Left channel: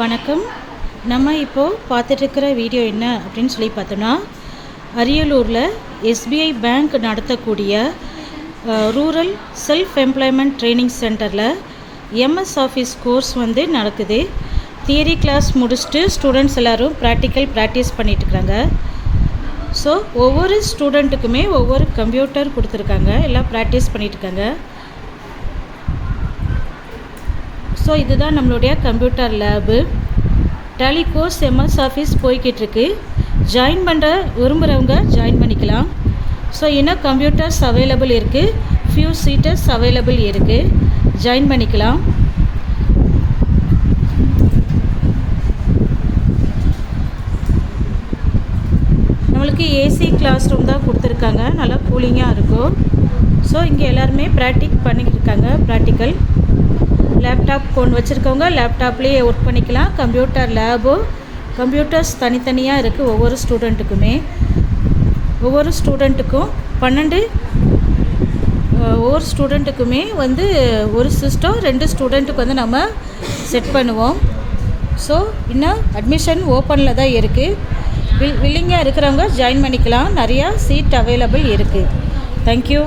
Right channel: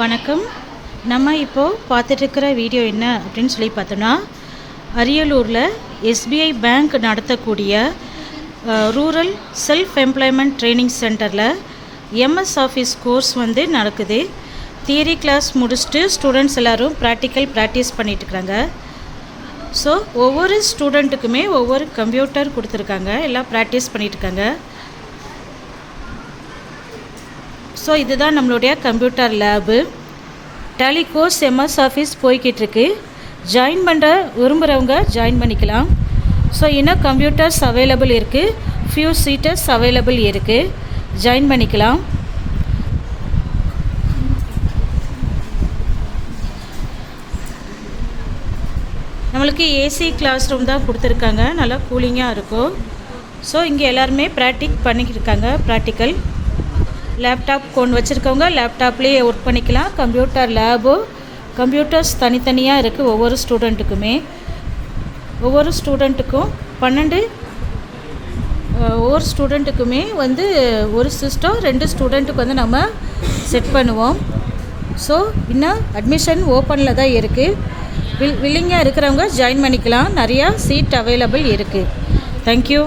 வணக்கம். நம்ம இப்போது பார்த்துட்ருக்கிற வீடியோ என்ன அப்படின்னு சொல்லி பார்த்தோன்னா, அரியலூரில் எஸ்பிஐ பேங்க் நடத்தக்கூடிய ரூரல் செல்ஃப் எம்ப்ளாய்மெண்ட் ட்ரைனிங் சென்டரில் எம்எஸ் ஆஃபீஸ் கோர்ஸ் நடக்குது. தியரி கிளாஸ் முடிச்சுட்டு ஸ்டூடெண்ட்ஸ் எல்லோரும் ப்ராக்டிஸ் பண்ணிட்டுருக்குறாங்க. ஸோ ஒவ்வொரு ஸ்டூடெண்ட்டுக்குமே ஒவ்வொரு கம்ப்யூட்டர் கொடுத்துருக்காங்க, எல்லாம் ப்ராக்டிஸ் பண்ணிகிட்ருக்காங்க. ஸோ இதுதான் நம்மளுடைய computer lab. Tally course MS Office போய்கிட்டுருக்கு. ஜாயின் பண்ணுற விரும்புகிறவங்க ஜாயின் பண்ணிக்கலாம். ஸோ இன்னும் கம்ப்யூட்டர்ஸ் அவைலபிள் இருக்குது, ஃபியூ சீட்டர்ஸ் அவைலபிள் இருக்குது, ஜாயின் பண்ணிக்கலாம். நம்மளுக்கு ஏசி கிளாஸ் ரூம் தான் கொடுத்துருக்காங்க, நல்லா கூலிங்காக இருக்கும். ஸோ இங்கே எல்லாருமே பண்ணிக்கிட்டு இருக்காங்க. ப்ராக்டிக்கல் லேப்டாப் கொண்டு வச்சுருக்கவங்க லேப்டாப்லேயே ஒர்க் பண்ணிக்கலாம். கம்ப்யூட்டர் லேபு, கம்ப்யூட்டர்ஸ் தனித்தனியாக இருக்குது. ஒவ்வொரு ஸ்டூடெண்ட்டுக்கும் 12 ஒவ்வொரு ஸ்டூடெண்ட்டுக்குமே ஒரு சிஸ்டம் 2 ஸ்டூடெண்ட்டுக்கு நம்ம செட் பண்ணுவோம். ஸோ இன்னும் அட்மிஷன் ஓப்பனில் தான் இருக்குது. வில்லிங்காக இருக்கிறவங்க ஜாயின் பண்ணிக்கலாம். நிறையா சீட் அவைலபிள் இருக்குது. தேங்க்யூ.